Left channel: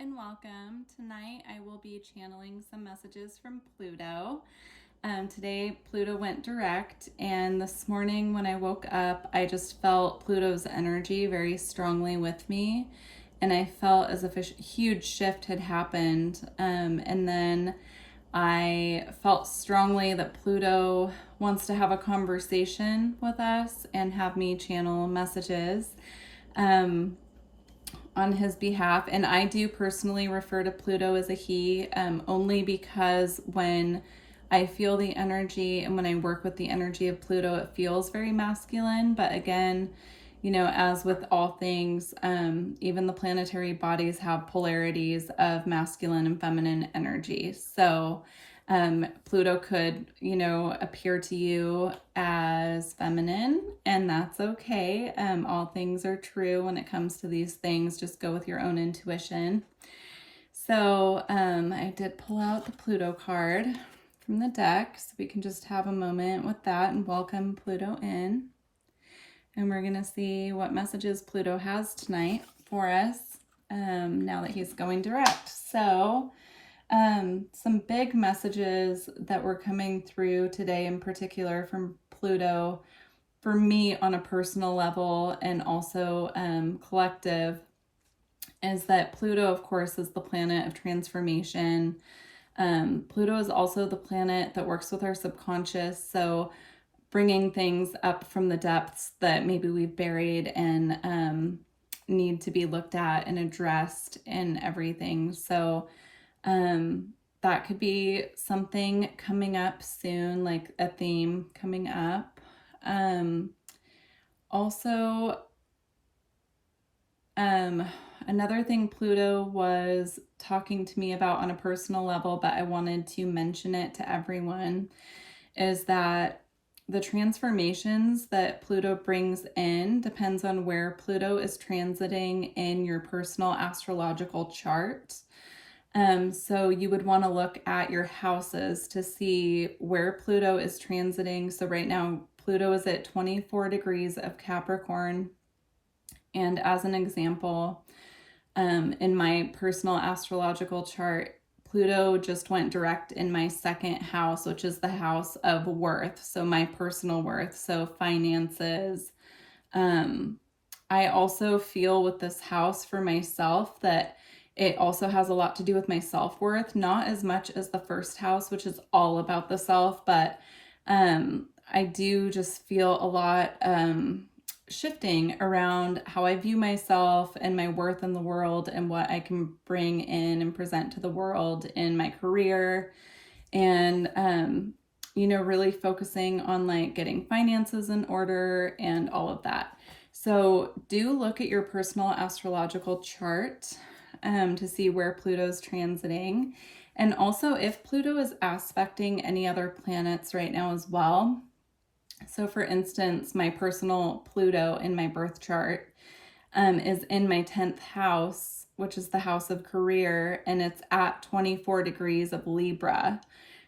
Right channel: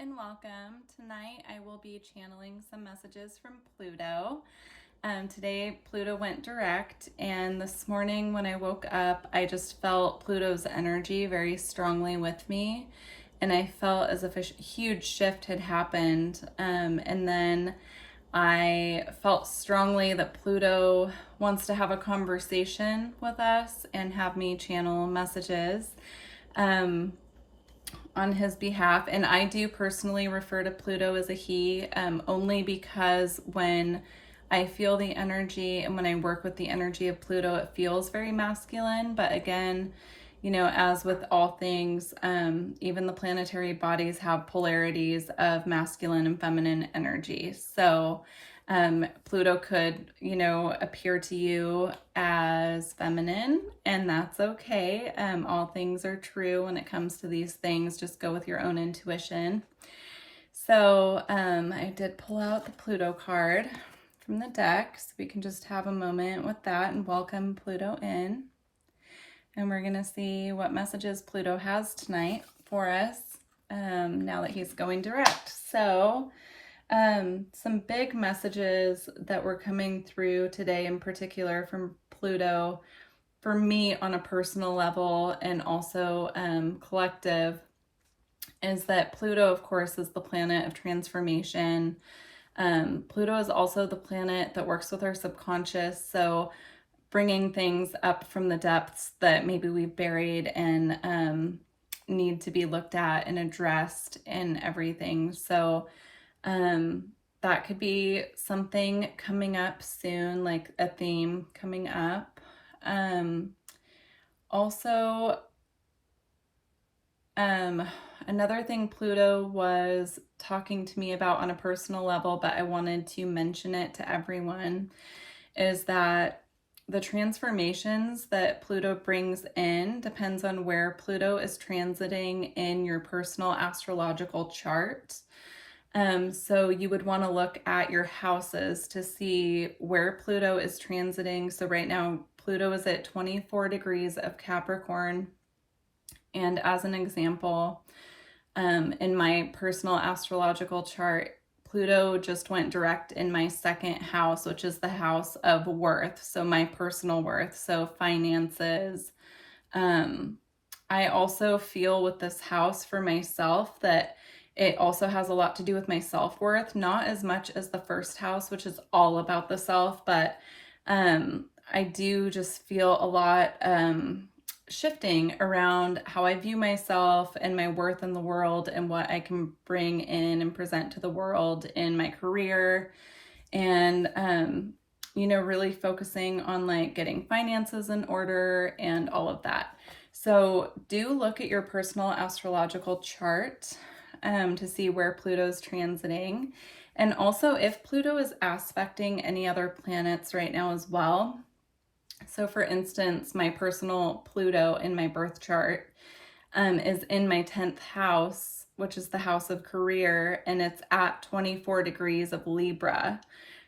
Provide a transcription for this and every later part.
and welcome. Tonight I will be channeling some messages from Pluto. Today Pluto went direct, and this morning when I woke up I just felt Pluto's energy very strongly with me, and I felt as if a huge shift had happened, and then I felt strongly that Pluto wants to have a conversation with us and have me channel messages on his behalf. And I do personally refer to Pluto as a he, only because when I feel the energy and when I work with the energy of Pluto, it feels very masculine. But again, you know, as with all things, even the planetary bodies have polarities of masculine and feminine energy. So Pluto could, you know, appear to you as feminine, and that's okay. All things are true when it comes to these things. Just go with your own intuition. So I did pull out the Pluto card from the deck, so we can just have a moment with that and welcome Pluto in. And we're going to see what messages Pluto has tonight for us now that he's going direct. So some big messages that were coming through today in particular from Pluto for me on a personal level and also collective is that Pluto, of course, is the planet of transformation. Pluto is also the planet that works with our subconscious, so bringing things up from the depths that maybe we've buried and need to be looked at and addressed in everything. So that could be something coming up soon, like a theme coming up. Also, another thing Pluto was talking to me about on a personal level, but I wanted to mention it to everyone, is that the transformations that Pluto brings in depends on where Pluto is transiting in your personal astrological chart. So you would want to look at your houses to see where Pluto is transiting. So right now, Pluto is at 24 degrees of Capricorn. And as an example, in my personal astrological chart, Pluto just went direct in my second house, which is the house of worth. So my personal worth, so finances. I also feel with this house for myself that it also has a lot to do with my self-worth, not as much as the first house, which is all about the self, but I do just feel a lot shifting around how I view myself and my worth in the world and what I can bring in and present to the world in my career, and you know, really focusing on like getting finances in order and all of that. So do look at your personal astrological chart to see where Pluto's transiting, and also if Pluto is aspecting any other planets right now as well. So for instance, my personal Pluto in my birth chart is in my 10th house, which is the house of career, and it's at 24 degrees of Libra.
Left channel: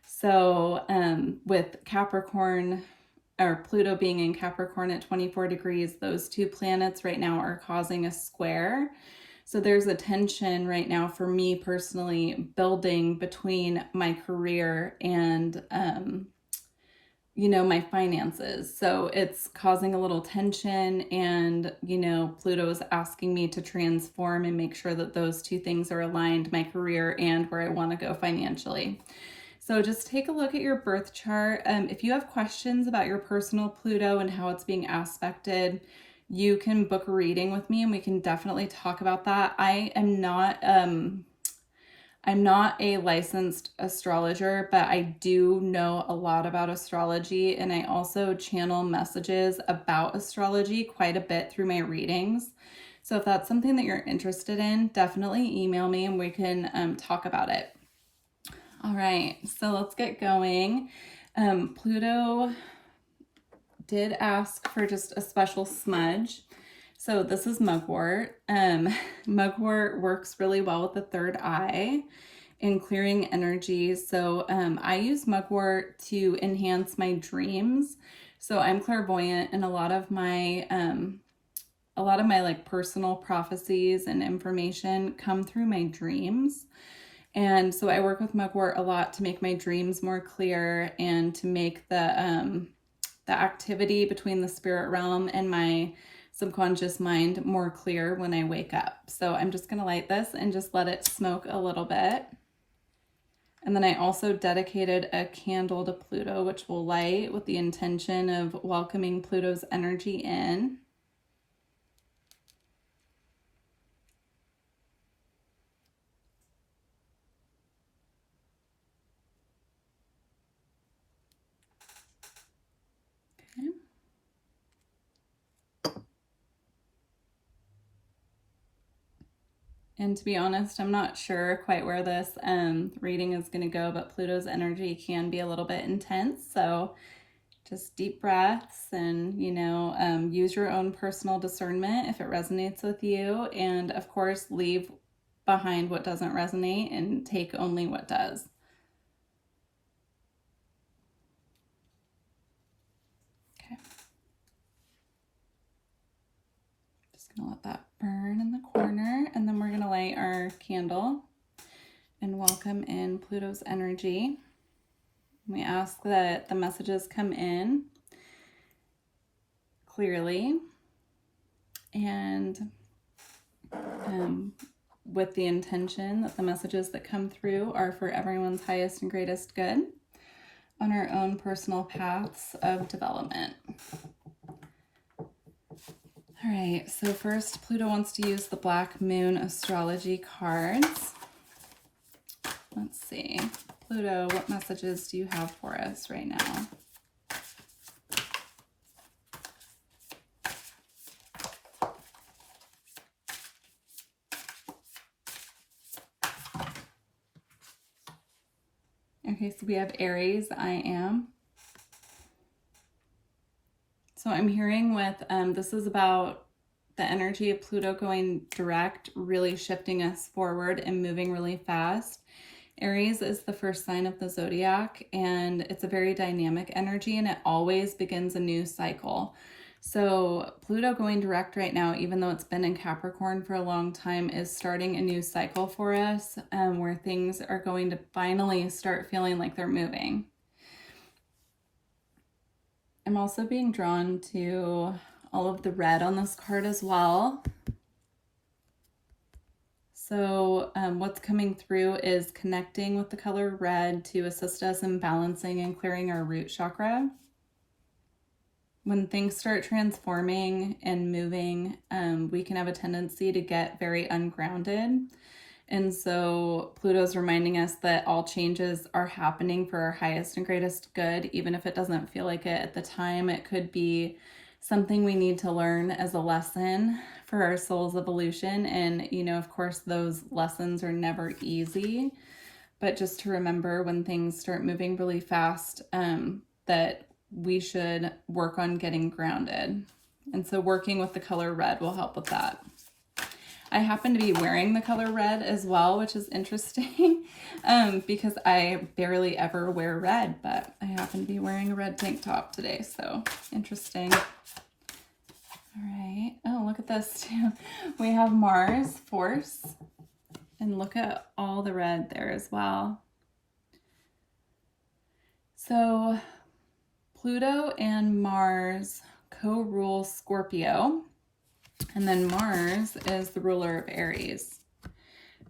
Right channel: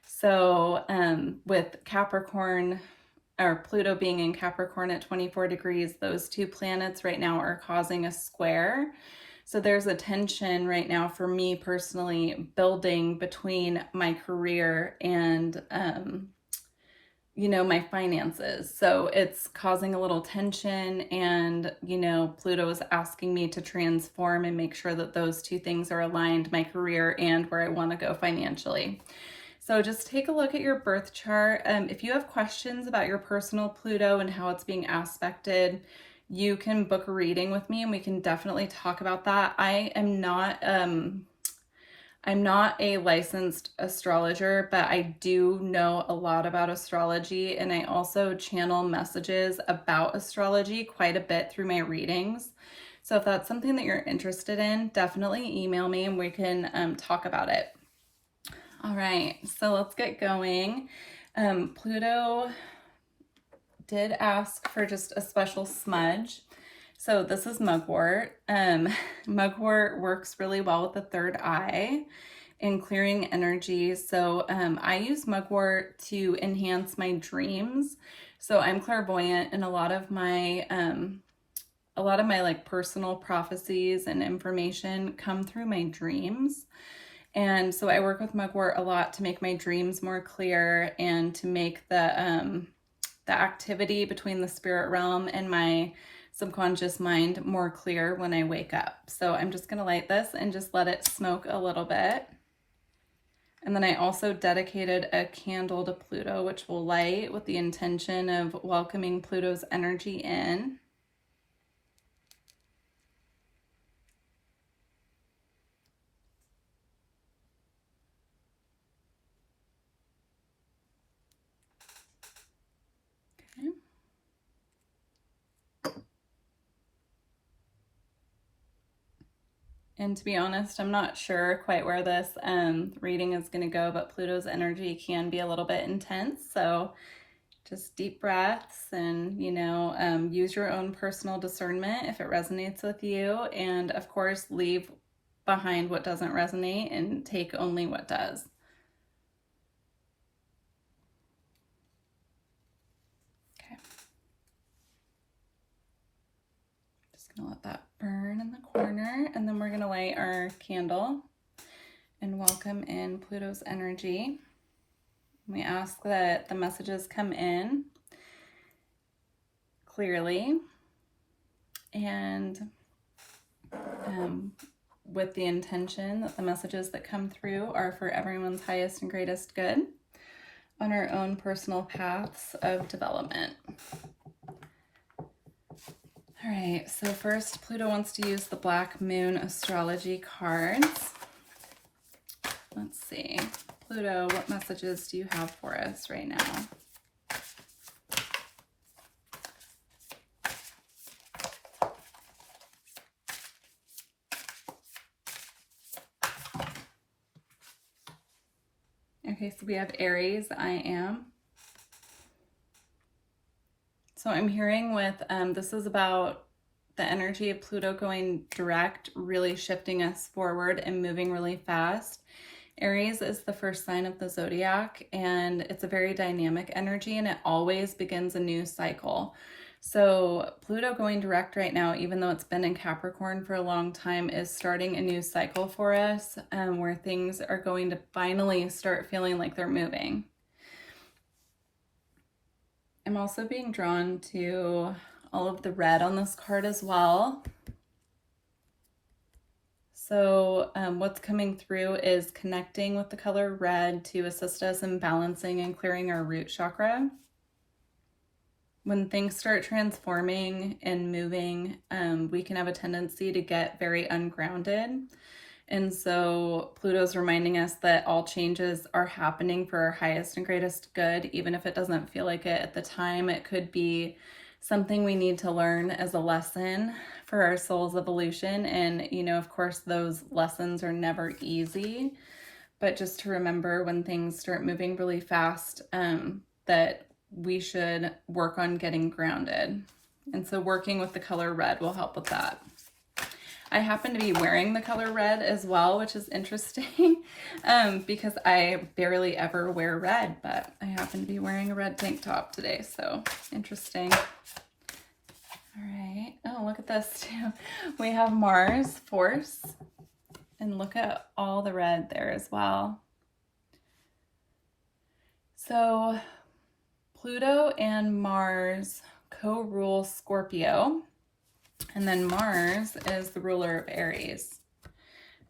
So with Capricorn, or Pluto being in Capricorn at 24 degrees, those two planets right now are causing a square. So there's a tension right now for me personally building between my career and you know, my finances. So it's causing a little tension, and, you know, Pluto is asking me to transform and make sure that those two things are aligned, my career and where I want to go financially. So just take a look at your birth chart. If you have questions about your personal Pluto and how it's being aspected, you can book a reading with me and we can definitely talk about that. I'm not a licensed astrologer, but I do know a lot about astrology, and I also channel messages about astrology quite a bit through my readings. So if that's something that you're interested in, definitely email me and we can talk about it. All right, so let's get going. Pluto did ask for just a special smudge. So this is mugwort. Mugwort works really well with the third eye in clearing energy. So I use mugwort to enhance my dreams. So I'm clairvoyant, and a lot of my a lot of my like personal prophecies and information come through my dreams. And so I work with mugwort a lot to make my dreams more clear and to make the activity between the spirit realm and my subconscious mind more clear when I wake up. So I'm just going to light this and just let it smoke a little bit. And then I also dedicated a candle to Pluto, which will light with the intention of welcoming Pluto's energy in. Okay. And to be honest, I'm not sure quite where this reading is going to go, but Pluto's energy can be a little bit intense. So just deep breaths and, use your own personal discernment if it resonates with you. And of course, leave behind what doesn't resonate and take only what does. Okay. Just going to let that burn in the corner. And then we're going to light our candle and welcome in Pluto's energy. We ask that the messages come in clearly and with the intention that the messages that come through are for everyone's highest and greatest good on our own personal paths of development. All right, so first Pluto wants to use the Black Moon astrology cards. Let's see. Pluto, what messages do you have for us right now? Okay, so we have Aries, I am. So I'm hearing with, this is about the energy of Pluto going direct, really shifting us forward and moving really fast. Aries is the first sign of the zodiac, and it's a very dynamic energy, and it always begins a new cycle. So Pluto going direct right now, even though it's been in Capricorn for a long time, is starting a new cycle for us, where things are going to finally start feeling like they're moving. I'm also being drawn to all of the red on this card as well. So what's coming through is connecting with the color red to assist us in balancing and clearing our root chakra. When things start transforming and moving, we can have a tendency to get very ungrounded. And so Pluto's reminding us that all changes are happening for our highest and greatest good, even if it doesn't feel like it at the time. It could be something we need to learn as a lesson for our soul's evolution. And, of course, those lessons are never easy. But just to remember when things start moving really fast, that we should work on getting grounded. And so working with the color red will help with that. I happen to be wearing the color red as well, which is interesting because I barely ever wear red, but I happen to be wearing a red tank top today, so interesting. All right. Oh, look at this too. We have Mars, Force, and look at all the red there as well. So Pluto and Mars co-rule Scorpio. And then Mars is the ruler of Aries.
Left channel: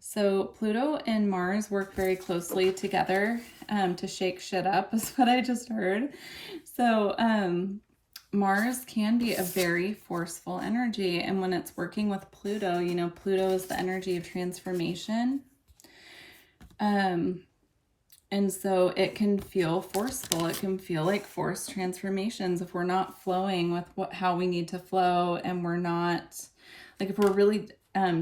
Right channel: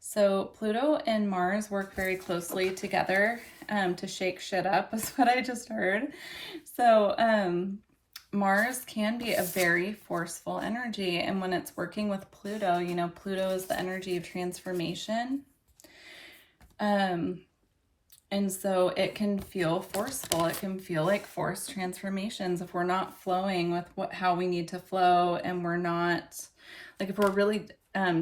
So Pluto and Mars work very closely together to shake shit up, is what I just heard. So Mars can be a very forceful energy. And when it's working with Pluto, Pluto is the energy of transformation. And so it can feel forceful. It can feel like forced transformations if we're not flowing with how we need to flow, and we're not, like if we're really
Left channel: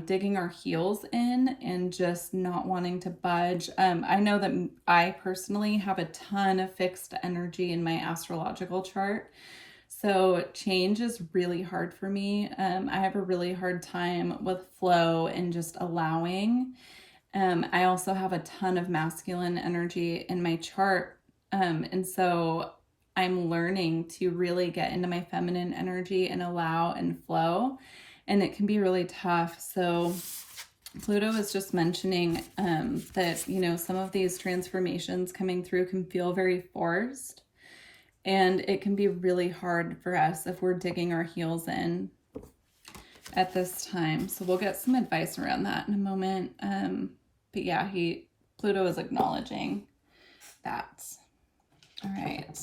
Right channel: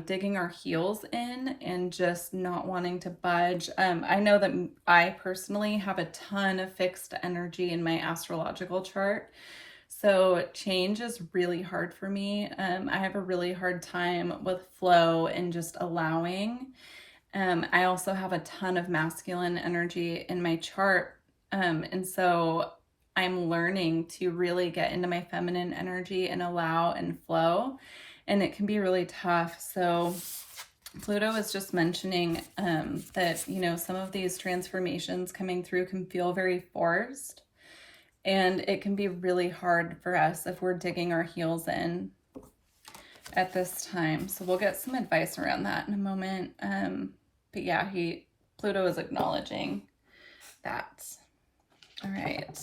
digging our heels in and just not wanting to budge. I know that I personally have a ton of fixed energy in my astrological chart. So change is really hard for me. I have a really hard time with flow and just allowing. I also have a ton of masculine energy in my chart. And so I'm learning to really get into my feminine energy and allow and flow. and it can be really tough. So Pluto is just mentioning that, you know, some of these transformations coming through can feel very forced, and it can be really hard for us if we're digging our heels in at this time. So we'll get some advice around that in a moment. But yeah, Pluto is acknowledging that. All right.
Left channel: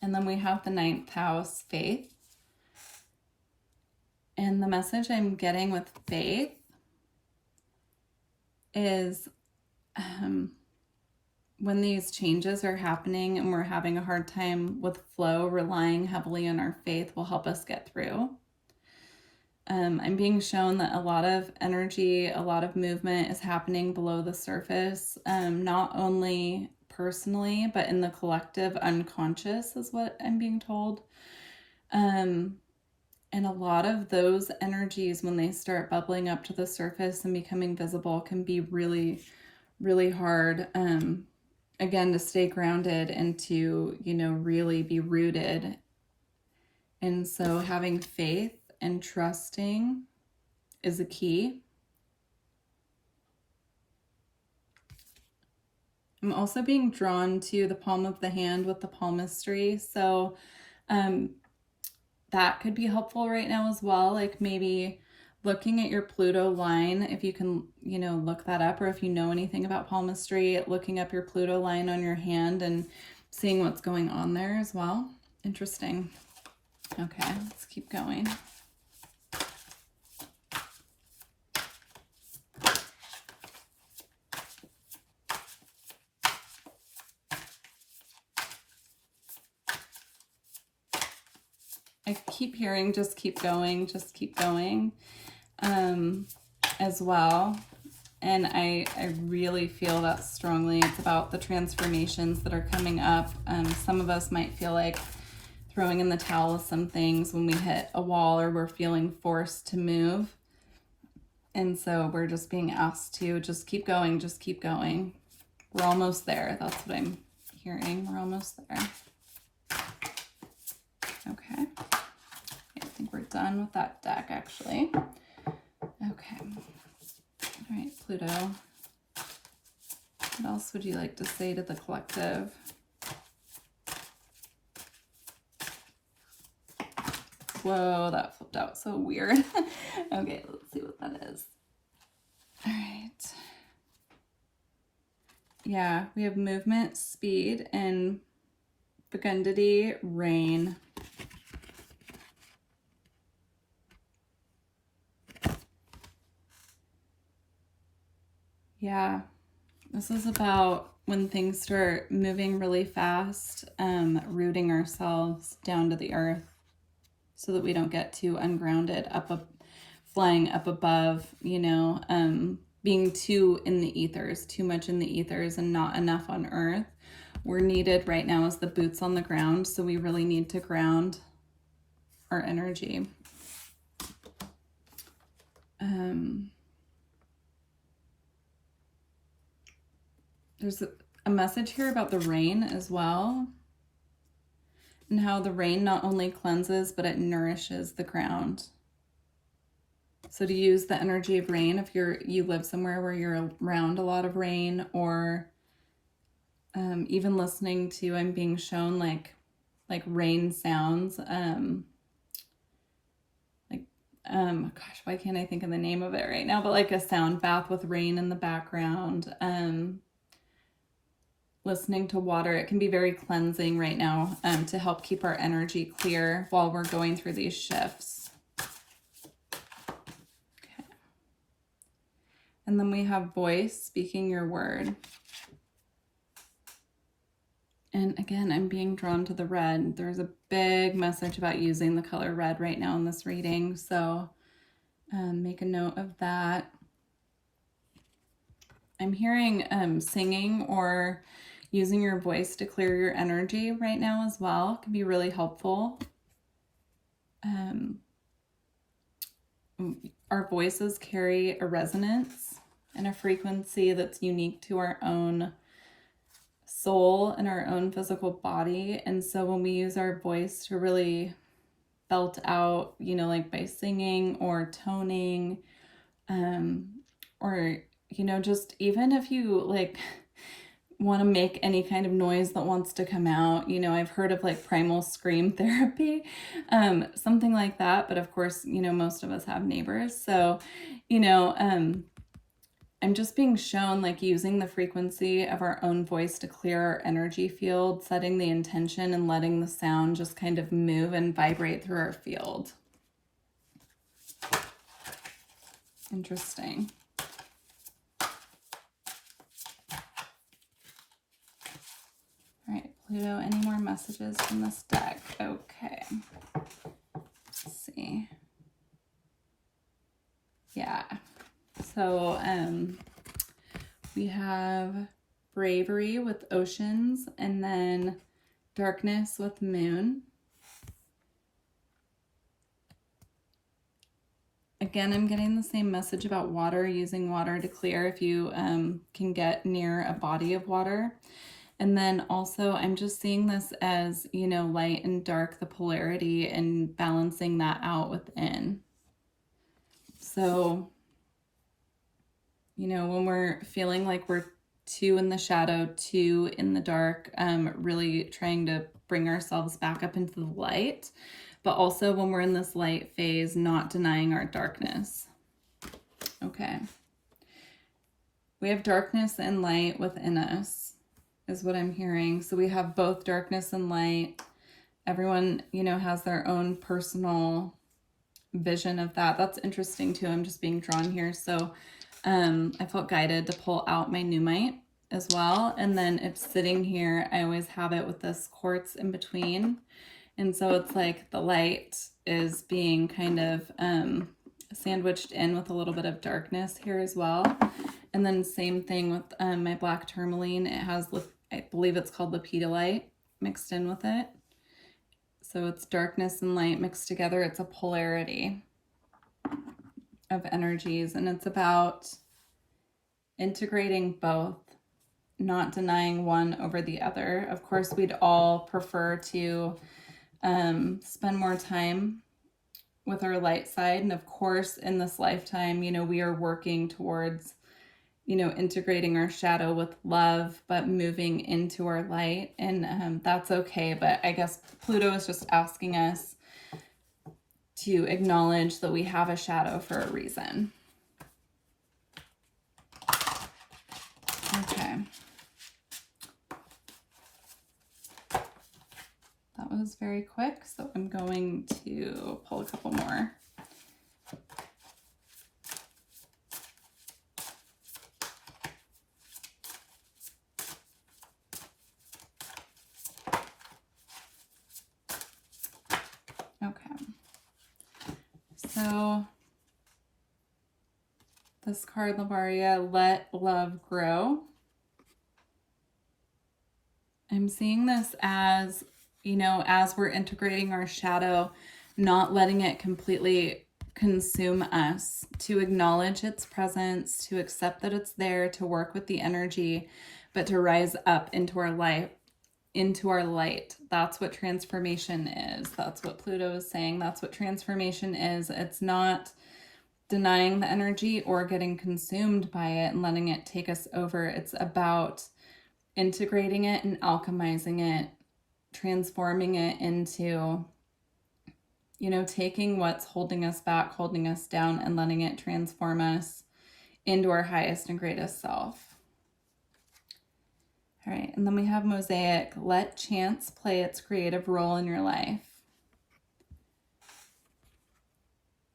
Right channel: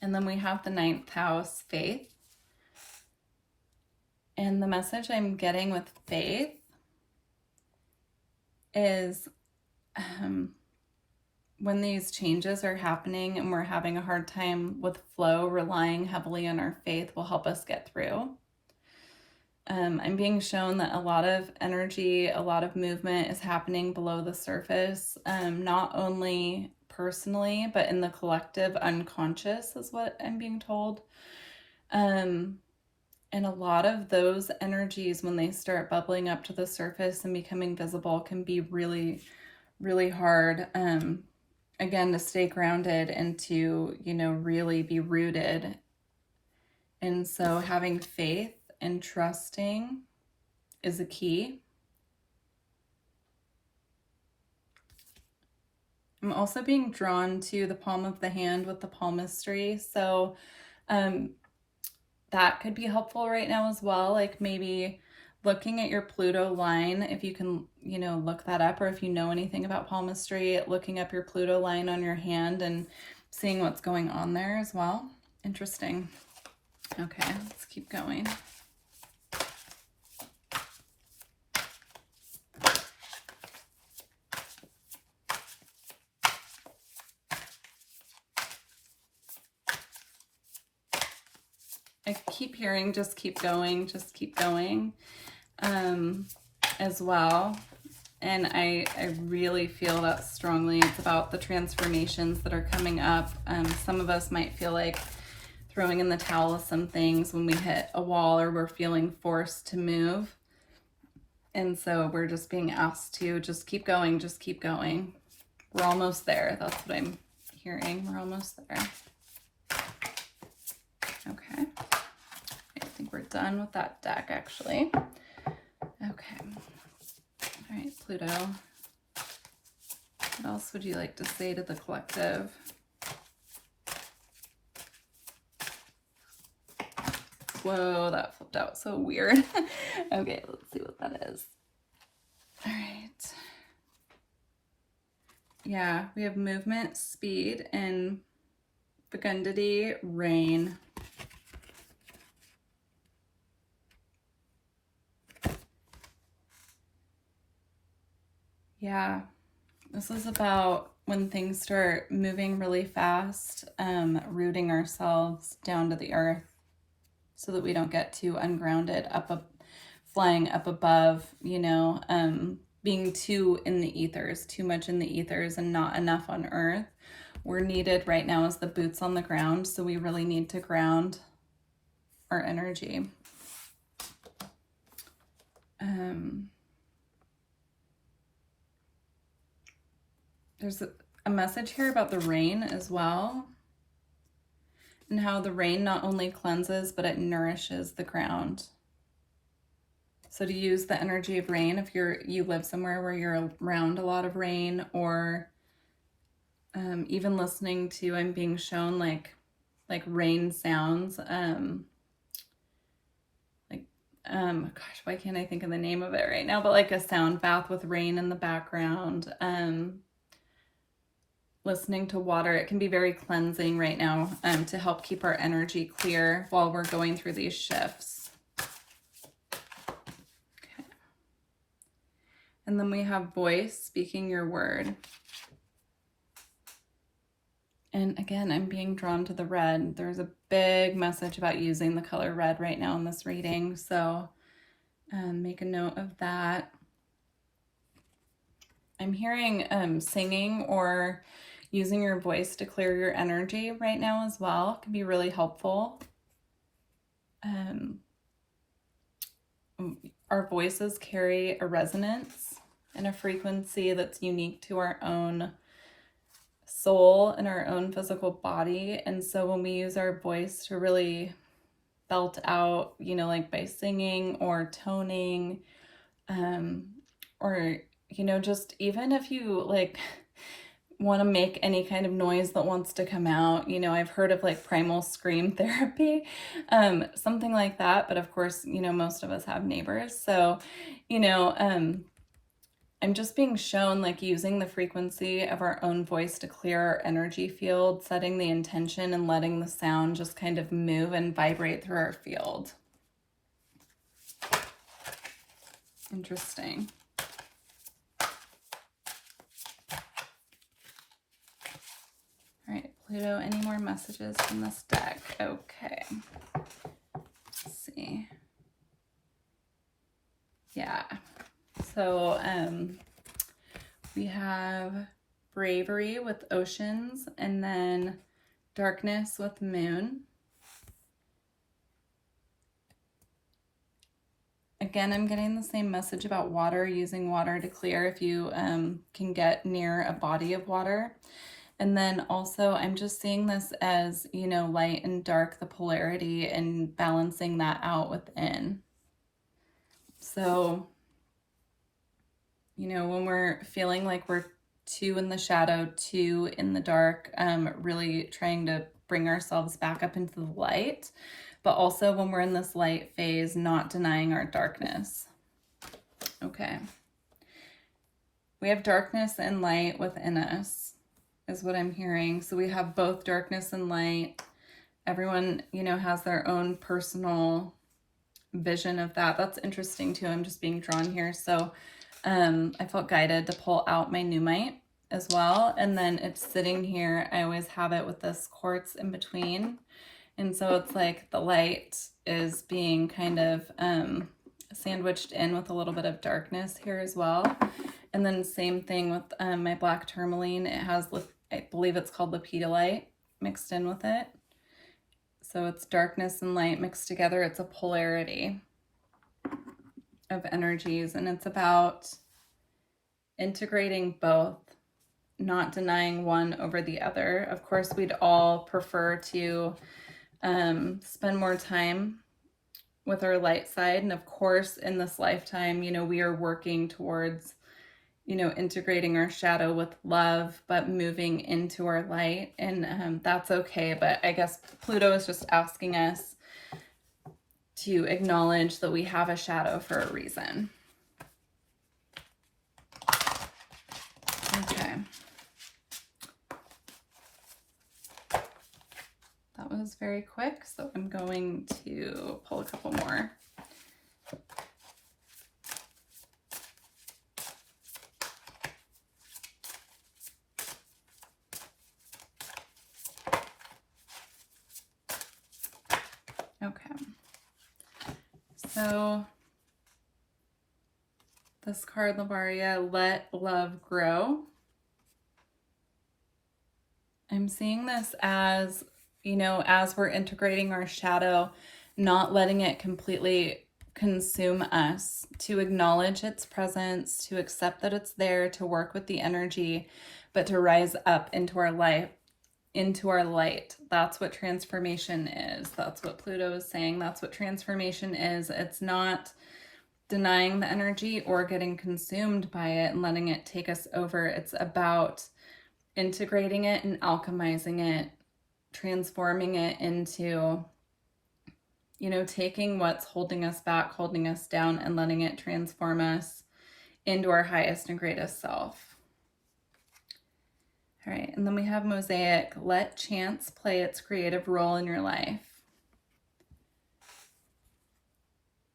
And then we have the 9th house, faith. And the message I'm getting with faith is when these changes are happening and we're having a hard time with flow, relying heavily on our faith will help us get through. I'm being shown that a lot of energy, a lot of movement is happening below the surface, not only personally, but in the collective unconscious is what I'm being told. And a lot of those energies, when they start bubbling up to the surface and becoming visible, can be really, really hard, again, to stay grounded and to, you know, really be rooted. And so having faith and trusting is a key. I'm also being drawn to the palm of the hand with the palmistry. So that could be helpful right now as well. Like maybe looking at your Pluto line, if you can, you know, look that up, or if you know anything about palmistry, looking up your Pluto line on your hand and seeing what's going on there as well. Interesting. Okay, let's keep going. I keep hearing just keep going as well. And I really feel that strongly. It's about the transformations that are coming up. Some of us might feel like throwing in the towel with some things when we hit a wall or we're feeling forced to move. And so we're just being asked to just keep going, just keep going. We're almost there. That's what I'm hearing. We're almost there. Okay. I think we're done with that deck, actually. Okay. All right, Pluto. What else would you like to say to the collective? Whoa, that flipped out so weird. Okay, let's see what that is. All right. Yeah, we have movement, speed, and fecundity, rain. Yeah, this is about when things start moving really fast, rooting ourselves down to the earth so that we don't get too ungrounded, flying up above, you know, being too in the ethers, too much in the ethers and not enough on earth. We're needed right now as the boots on the ground, so we really need to ground our energy. There's a message here about the rain as well, and how the rain not only cleanses, but it nourishes the ground. So to use the energy of rain, if you live somewhere where you're around a lot of rain, or even listening to, I'm being shown like rain sounds, gosh, why can't I think of the name of it right now, but like a sound bath with rain in the background, listening to water, it can be very cleansing right now, to help keep our energy clear while we're going through these shifts. Okay. And then we have voice, speaking your word. And again, I'm being drawn to the red. There's a big message about using the color red right now in this reading, so make a note of that. I'm hearing singing or using your voice to clear your energy right now as well. It can be really helpful. Our voices carry a resonance and a frequency that's unique to our own soul in our own physical body. And so when we use our voice to really belt out, you know, like by singing or toning, or, you know, just even if you like want to make any kind of noise that wants to come out, you know, I've heard of like primal scream therapy, something like that. But of course, you know, most of us have neighbors. So, you know, I'm just being shown like using the frequency of our own voice to clear our energy field, setting the intention and letting the sound just kind of move and vibrate through our field. Interesting. All right, Pluto, any more messages from this deck? Okay. Let's see. Yeah. So we have bravery with oceans, and then darkness with moon. Again, I'm getting the same message about water, using water to clear if you can get near a body of water. And then also I'm just seeing this as, you know, light and dark, the polarity, and balancing that out within. So, you know, when we're feeling like we're too in the shadow, too in the dark, really trying to bring ourselves back up into the light, but also when we're in this light phase, not denying our darkness. Okay. We have darkness and light within us, is what I'm hearing. So we have both darkness and light. Everyone, you know, has their own personal vision of that. That's interesting too. I'm just being drawn here. So I felt guided to pull out my Numite as well. And then it's sitting here. I always have it with this quartz in between. And so it's like the light is being kind of sandwiched in with a little bit of darkness here as well. And then same thing with my black tourmaline. It has, I believe it's called lepidolite mixed in with it. So it's darkness and light mixed together. It's a polarity of energies, and it's about integrating both, not denying one over the other. Of course, we'd all prefer to spend more time with our light side. And of course, in this lifetime, you know, we are working towards, you know, integrating our shadow with love, but moving into our light. And that's okay. But I guess Pluto is just asking us to acknowledge that we have a shadow for a reason. Okay. That was very quick, so I'm going to pull a couple more. Okay. So this card, Lavaria, let love grow. I'm seeing this as, you know, as we're integrating our shadow, not letting it completely consume us, to acknowledge its presence, to accept that it's there, to work with the energy, but to rise up into our life, into our light. That's what transformation is. That's what Pluto is saying. That's what transformation is. It's not denying the energy or getting consumed by it and letting it take us over. It's about integrating it and alchemizing it, transforming it into, you know, taking what's holding us back, holding us down, and letting it transform us into our highest and greatest self. All right, and then we have Mosaic, let chance play its creative role in your life.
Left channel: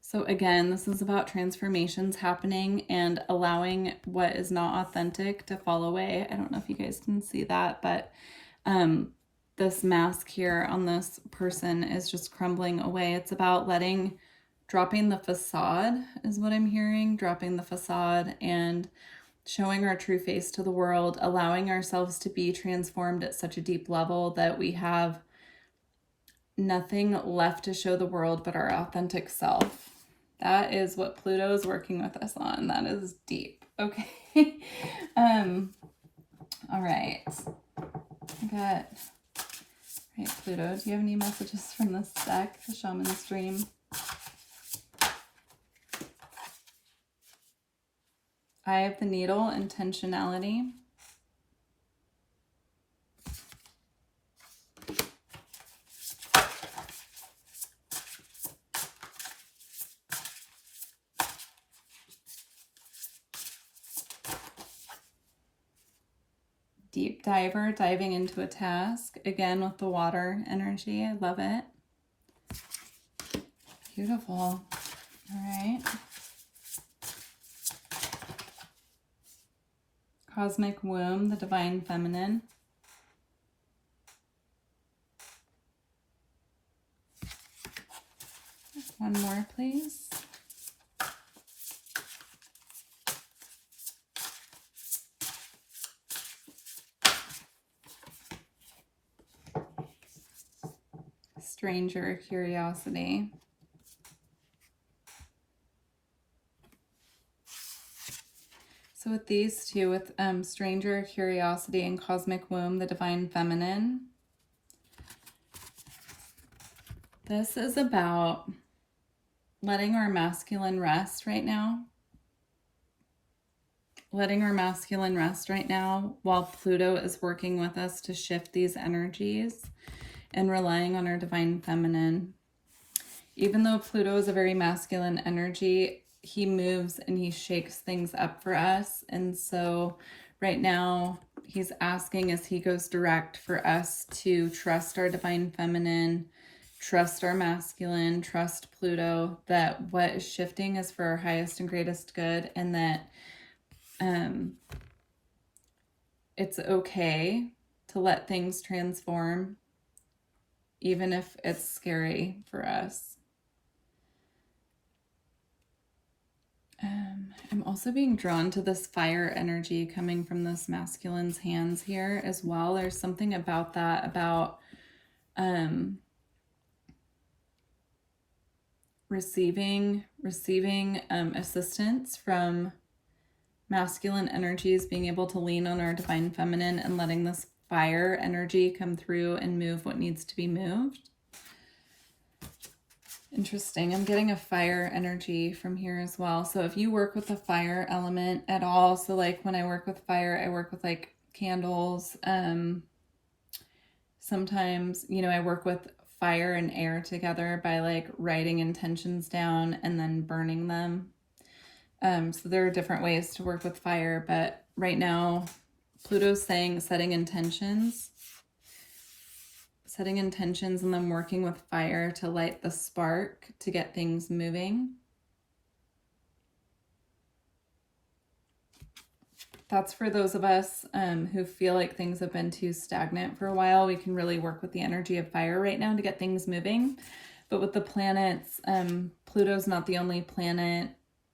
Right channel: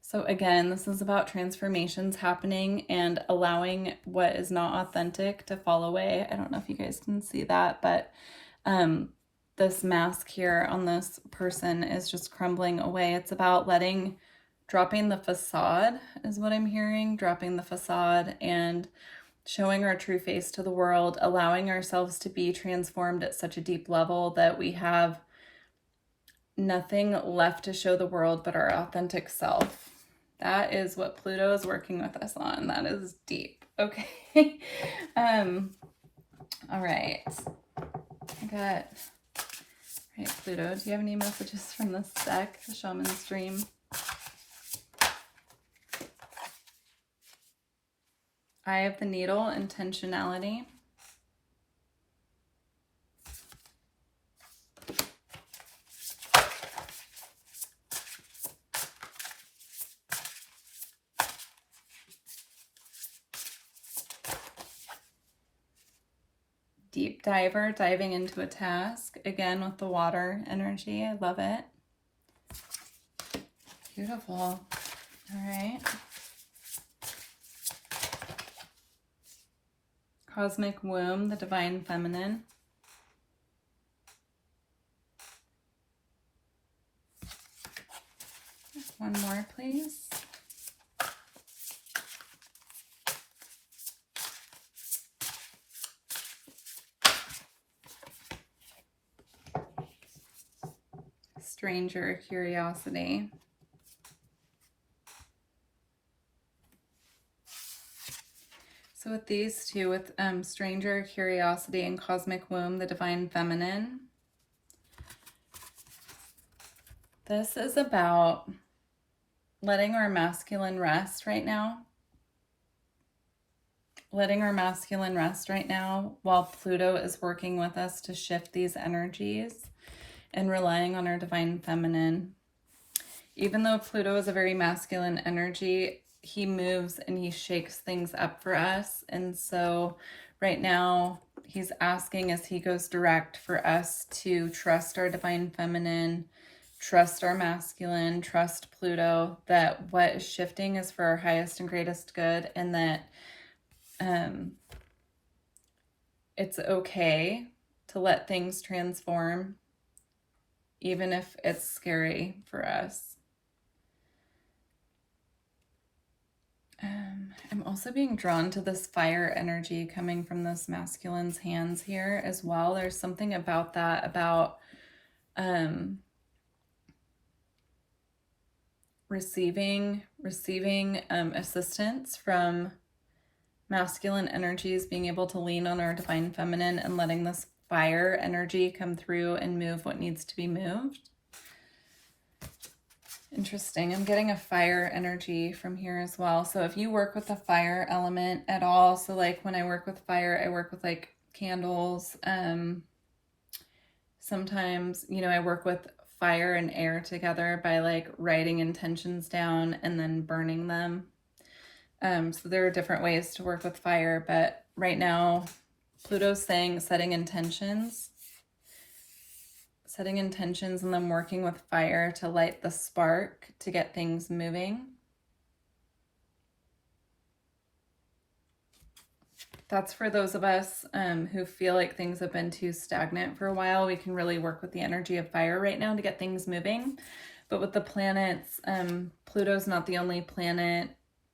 So again, this is about transformations happening and allowing what is not authentic to fall away. I don't know if you guys can see that, but this mask here on this person is just crumbling away. It's about dropping the facade is what I'm hearing, dropping the facade and showing our true face to the world, allowing ourselves to be transformed at such a deep level that we have nothing left to show the world but our authentic self. That is what Pluto is working with us on. That is deep. Okay. All right. I got, right, Pluto, do you have any messages from this deck, the Shaman's Dream? Eye of the Needle, intentionality. Deep diver, diving into a task. Again, with the water energy. I love it. Beautiful. All right. Cosmic womb, the divine feminine. One more, please. Stranger curiosity. So with these two, with stranger curiosity and cosmic womb, the divine feminine, this is about letting our masculine rest right now. Letting our masculine rest right now while Pluto is working with us to shift these energies, and relying on our divine feminine. Even though Pluto is a very masculine energy, he moves and he shakes things up for us. And so right now he's asking, as he goes direct, for us to trust our divine feminine, trust our masculine, trust Pluto, that what is shifting is for our highest and greatest good, and that it's okay to let things transform, even if it's scary for us. I'm also being drawn to this fire energy coming from this masculine's hands here as well. There's something about that, about receiving assistance from masculine energies, being able to lean on our divine feminine and letting this fire energy come through and move what needs to be moved. Interesting. I'm getting a fire energy from here as well. So if you work with the fire element at all, so like when I work with fire, I work with like candles. Sometimes, you know, I work with fire and air together by like writing intentions down and then burning them. So there are different ways to work with fire, but right now Pluto's saying setting intentions and then working with fire to light the spark to get things moving. That's for those of us who feel like things have been too stagnant for a while. We can really work with the energy of fire right now to get things moving. But with the planets, Pluto's not the only planet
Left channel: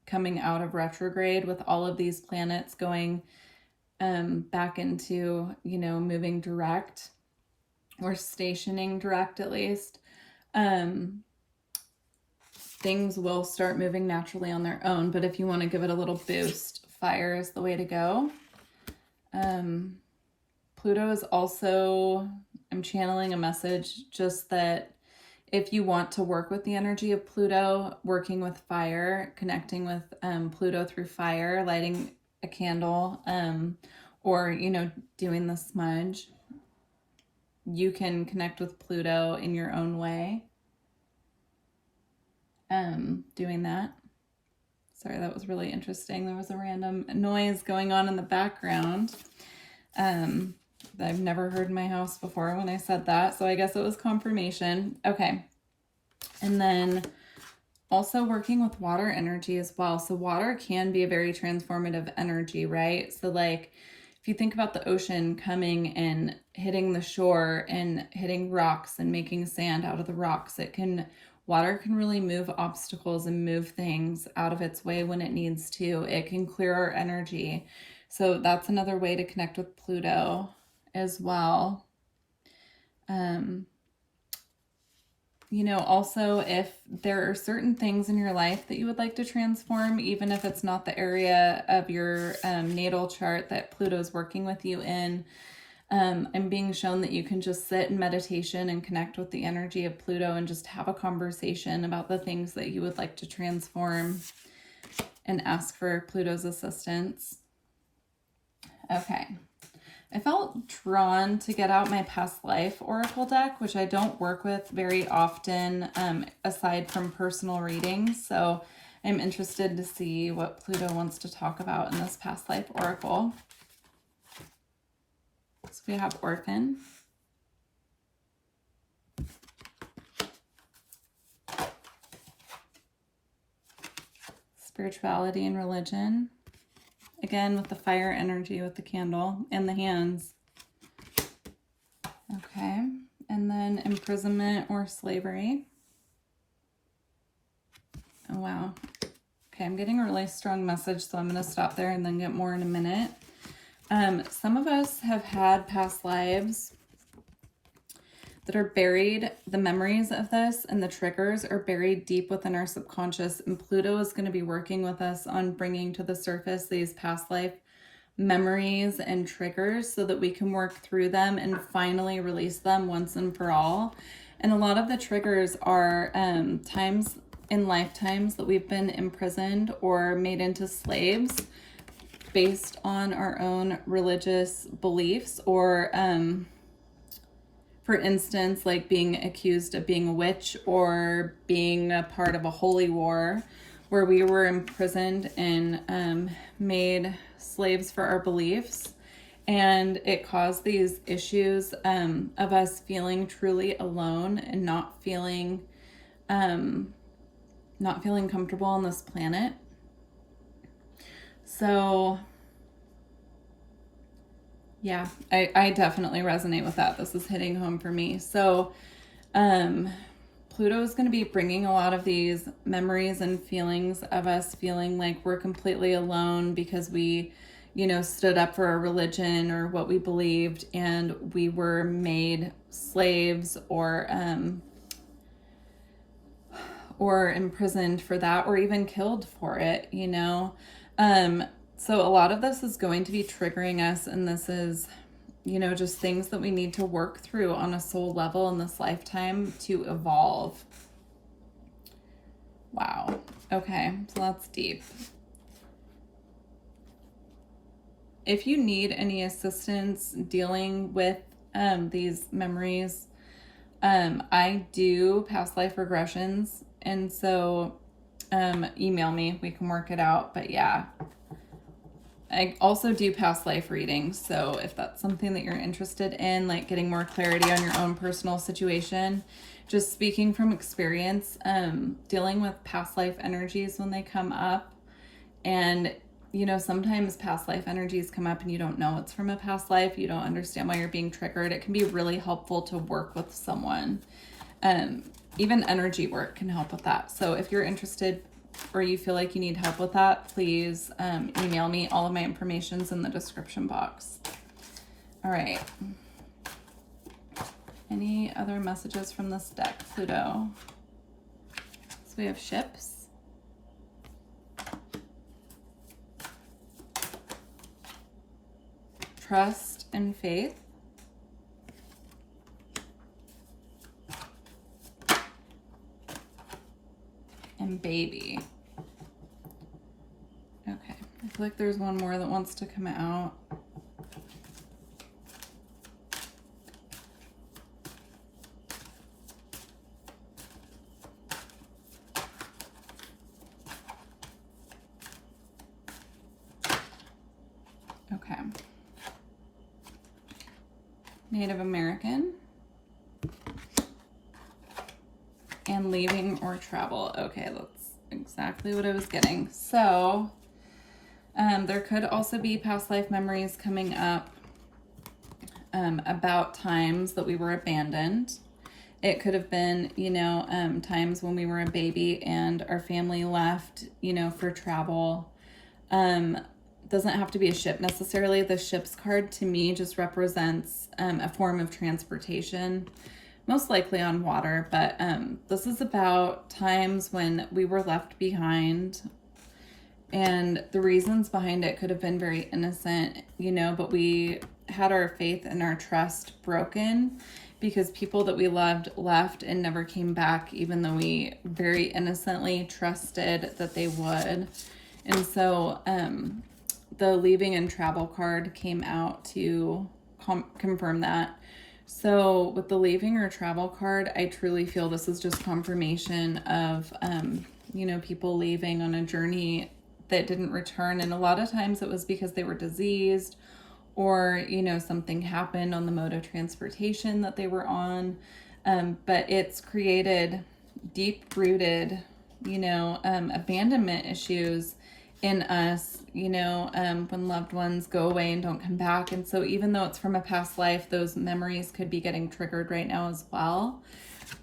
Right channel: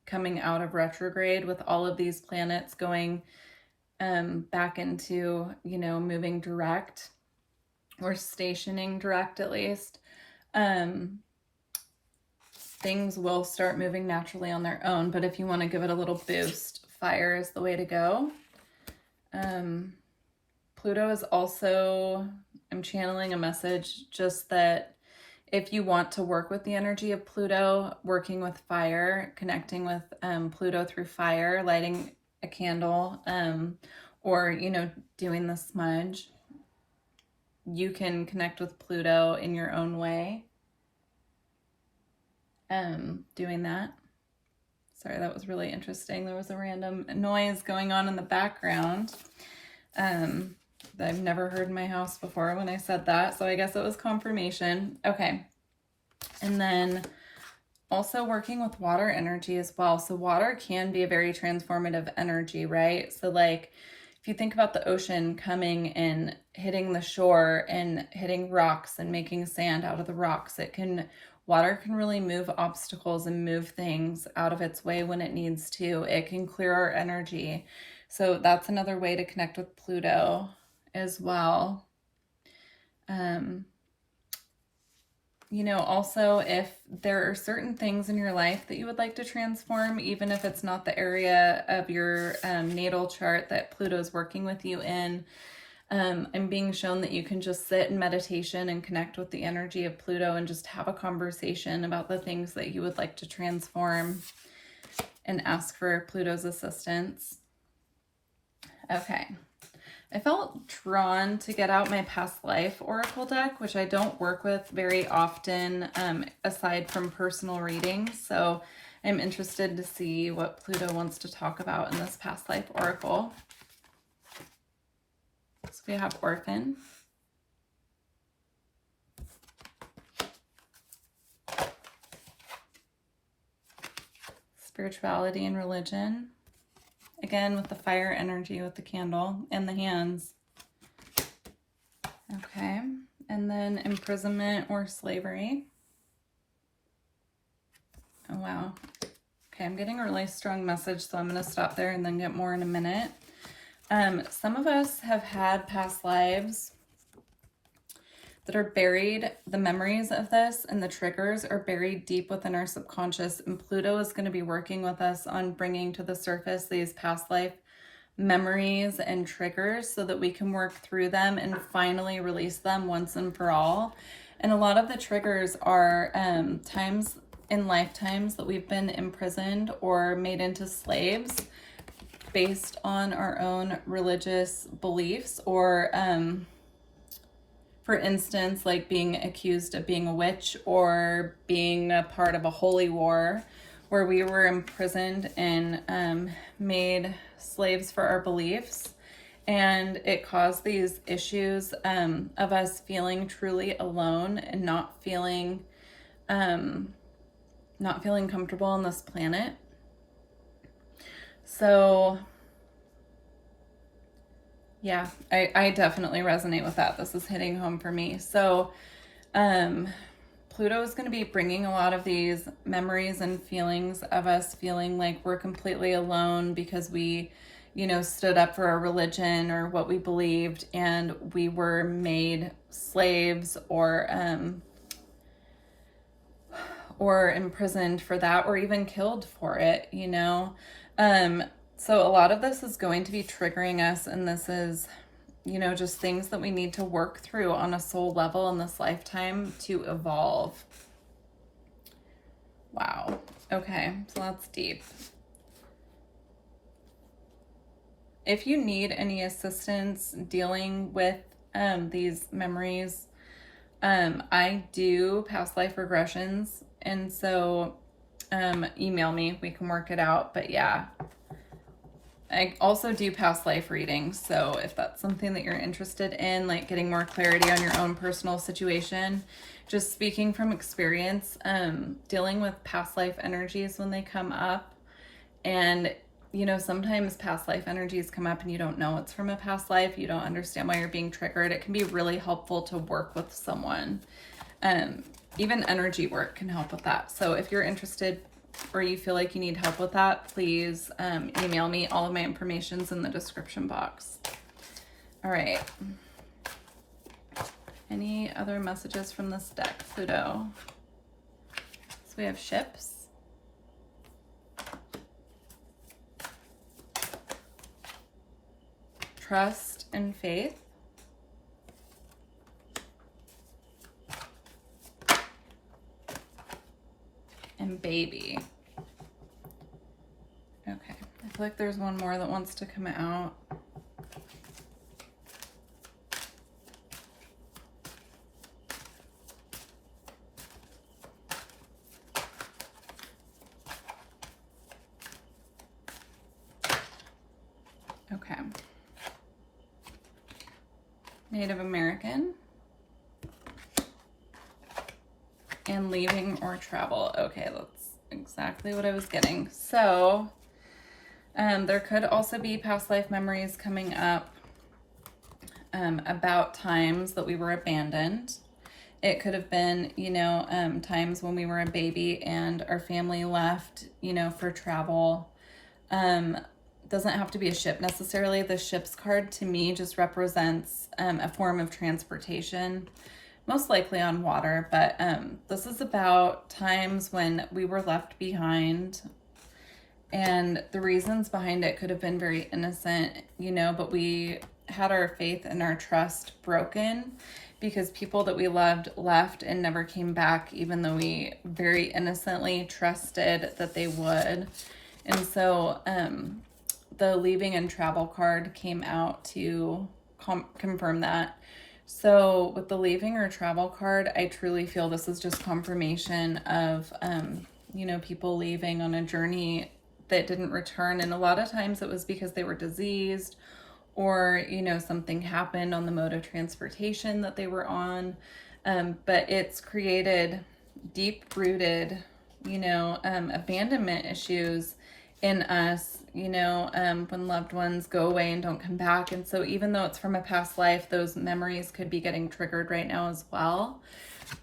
coming out of retrograde. With all of these planets going back into, you know, moving direct, or stationing direct at least, things will start moving naturally on their own. But if you want to give it a little boost, fire is the way to go. Pluto is also, I'm channeling a message just that if you want to work with the energy of Pluto, working with fire, connecting with Pluto through fire, lighting a candle, or, you know, doing the smudge, you can connect with Pluto in your own way. Doing that. Sorry, that was really interesting. There was a random noise going on in the background that I've never heard in my house before when I said that. So I guess it was confirmation. Okay. And then also working with water energy as well. So water can be a very transformative energy, right? So like if you think about the ocean coming and hitting the shore and hitting rocks and making sand out of the rocks, water can really move obstacles and move things out of its way when it needs to. It can clear our energy. So that's another way to connect with Pluto as well. You know, also if there are certain things in your life that you would like to transform, even if it's not the area of your natal chart that Pluto's working with you in, I'm being shown that you can just sit in meditation and connect with the energy of Pluto and just have a conversation about the things that you would like to transform and ask for Pluto's assistance. Okay. I felt drawn to get out my past life oracle deck, which I don't work with very often, aside from personal readings. So I'm interested to see what Pluto wants to talk about in this past life oracle. So we have Orphan, Spirituality and Religion, again with the fire energy with the candle and the hands. Okay, and then Imprisonment or Slavery. Oh wow. Okay, I'm getting a really strong message, so I'm going to stop there and then get more in a minute. Some of us have had past lives that are buried. The memories of this and the triggers are buried deep within our subconscious, and Pluto is going to be working with us on bringing to the surface these past life memories and triggers so that we can work through them and finally release them once and for all. And a lot of the triggers are times in lifetimes that we've been imprisoned or made into slaves based on our own religious beliefs, or for instance, like being accused of being a witch or being a part of a holy war where we were imprisoned and made slaves for our beliefs. And it caused these issues of us feeling truly alone and not feeling comfortable on this planet. So yeah, I definitely resonate with that. This is hitting home for me. So Pluto is going to be bringing a lot of these memories and feelings of us feeling like we're completely alone because we, stood up for our religion or what we believed, and we were made slaves or imprisoned for that, or even killed for it, So a lot of this is going to be triggering us, and this is, just things that we need to work through on a soul level in this lifetime to evolve. Wow. Okay, so that's deep. If you need any assistance dealing with these memories, I do past life regressions, and so email me, we can work it out. But yeah, I also do past life readings, so if that's something that you're interested in, like getting more clarity on your own personal situation, just speaking from experience, dealing with past life energies when they come up. And sometimes past life energies come up and you don't know it's from a past life, you don't understand why you're being triggered. It can be really helpful to work with someone. Even energy work can help with that. So if you're interested or you feel like you need help with that, please email me. All of my information's in the description box. All right. Any other messages from this deck, Pluto? So we have ships. Trust and faith. And baby. Okay, I feel like there's one more that wants to come out. Okay. Native American. And leaving or travel. Okay, that's exactly what I was getting. So there could also be past life memories coming up about times that we were abandoned. It could have been, times when we were a baby and our family left, for travel. Doesn't have to be a ship necessarily. The ship's card to me just represents a form of transportation, most likely on water, but this is about times when we were left behind, and the reasons behind it could have been very innocent, but we had our faith and our trust broken because people that we loved left and never came back, even though we very innocently trusted that they would. And so the leaving and travel card came out to confirm that. So with the leaving or travel card, I truly feel this is just confirmation of, you know, people leaving on a journey that didn't return. And a lot of times it was because they were diseased, or, you know, something happened on the mode of transportation that they were on. But it's created deep-rooted, you know, abandonment issues in us, you know, when loved ones go away and don't come back. And so even though it's from a past life, those memories could be getting triggered right now as well.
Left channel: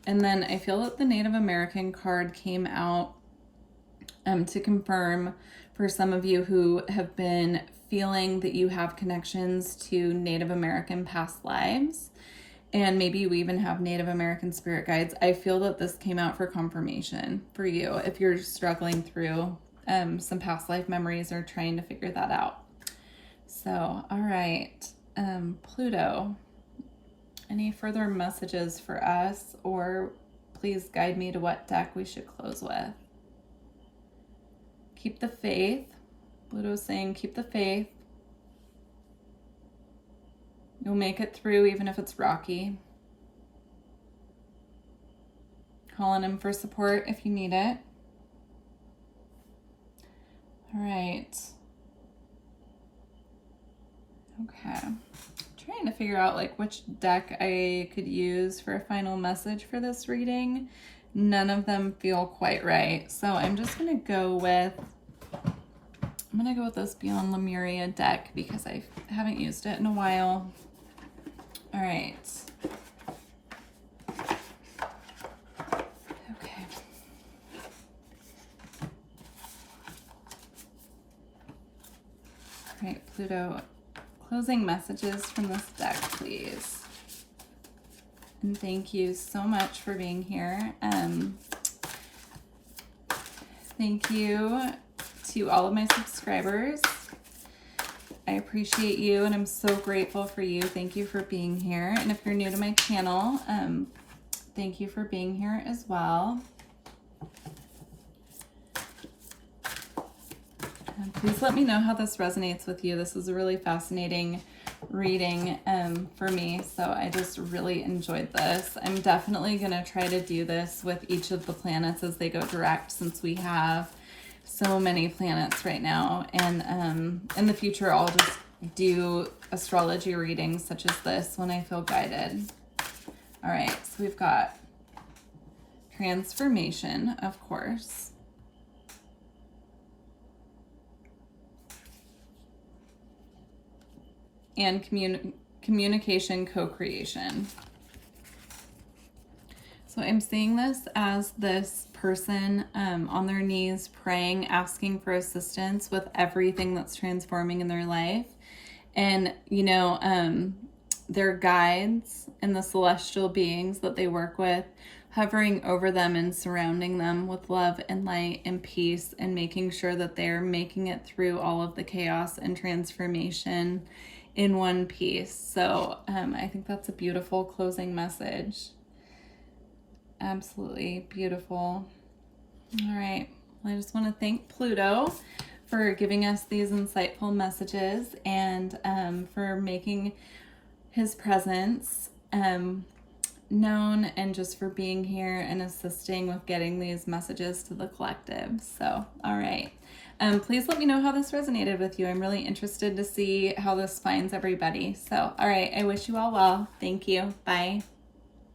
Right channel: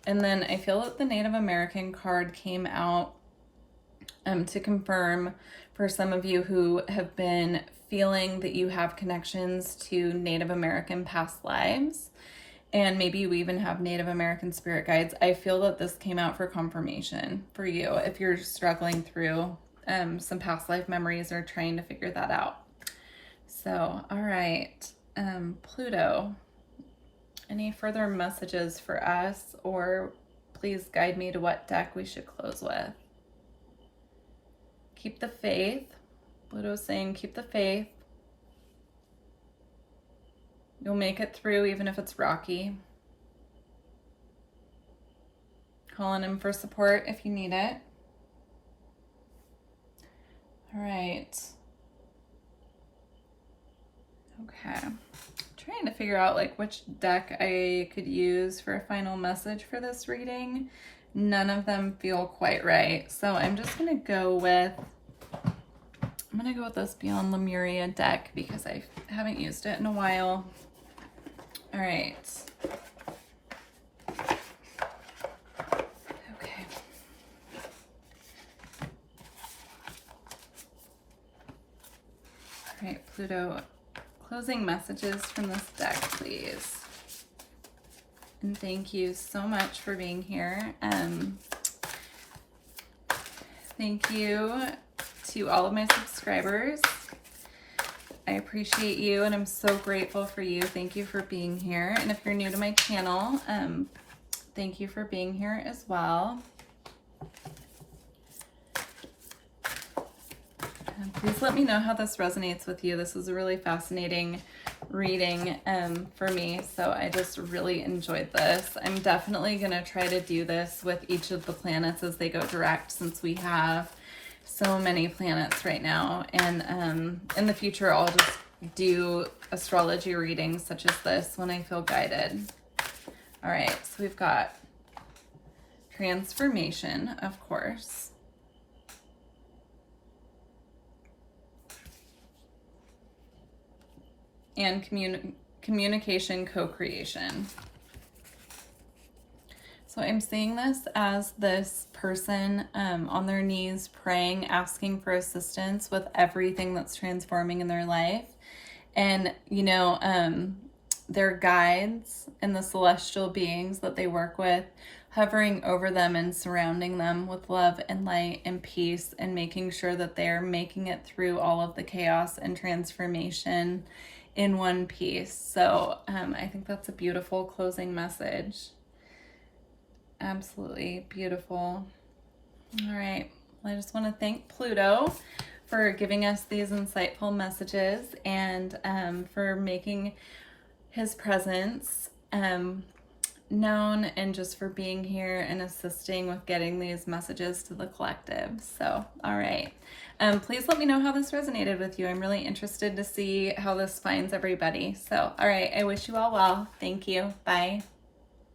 And then I feel that the Native American card came out to confirm for some of you who have been feeling that you have connections to Native American past lives, and maybe you even have Native American spirit guides. I feel that this came out for confirmation for you if you're struggling through some past life memories or trying to figure that out. So, all right, Pluto, any further messages for us, or please guide me to what deck we should close with? Keep the faith. Pluto's saying keep the faith. You'll make it through even if it's rocky. Call on him for support if you need it. All right. Okay. Trying to figure out like which deck I could use for a final message for this reading. None of them feel quite right. So I'm just going to go with this Beyond Lemuria deck because I haven't used it in a while. All right. Okay. All right, Pluto, closing messages from this deck, please. And thank you so much for being here. Thank you to all of my subscribers. I appreciate you, and I'm so grateful for you. Thank you for being here. And if you're new to my channel, thank you for being here as well. Please let me know how this resonates with you. This is a really fascinating reading for me, so I just really enjoyed this. I'm definitely going to try to do this with each of the planets as they go direct, since we have so many planets right now. And in the future, I'll just do astrology readings such as this when I feel guided. All right, so we've got transformation, of course. And communication co-creation. So I'm seeing this as this person on their knees praying, asking for assistance with everything that's transforming in their life. And, you know, their guides and the celestial beings that they work with hovering over them and surrounding them with love and light and peace, and making sure that they're making it through all of the chaos and transformation in one piece. So I think that's a beautiful closing message. Absolutely beautiful. All right. Well, I just want to thank Pluto for giving us these insightful messages, and for making his presence known, and just for being here and assisting with getting these messages to the collective. So, all right. Please let me know how this resonated with you. I'm really interested to see how this finds everybody. So, all right. I wish you all well. Thank you. Bye.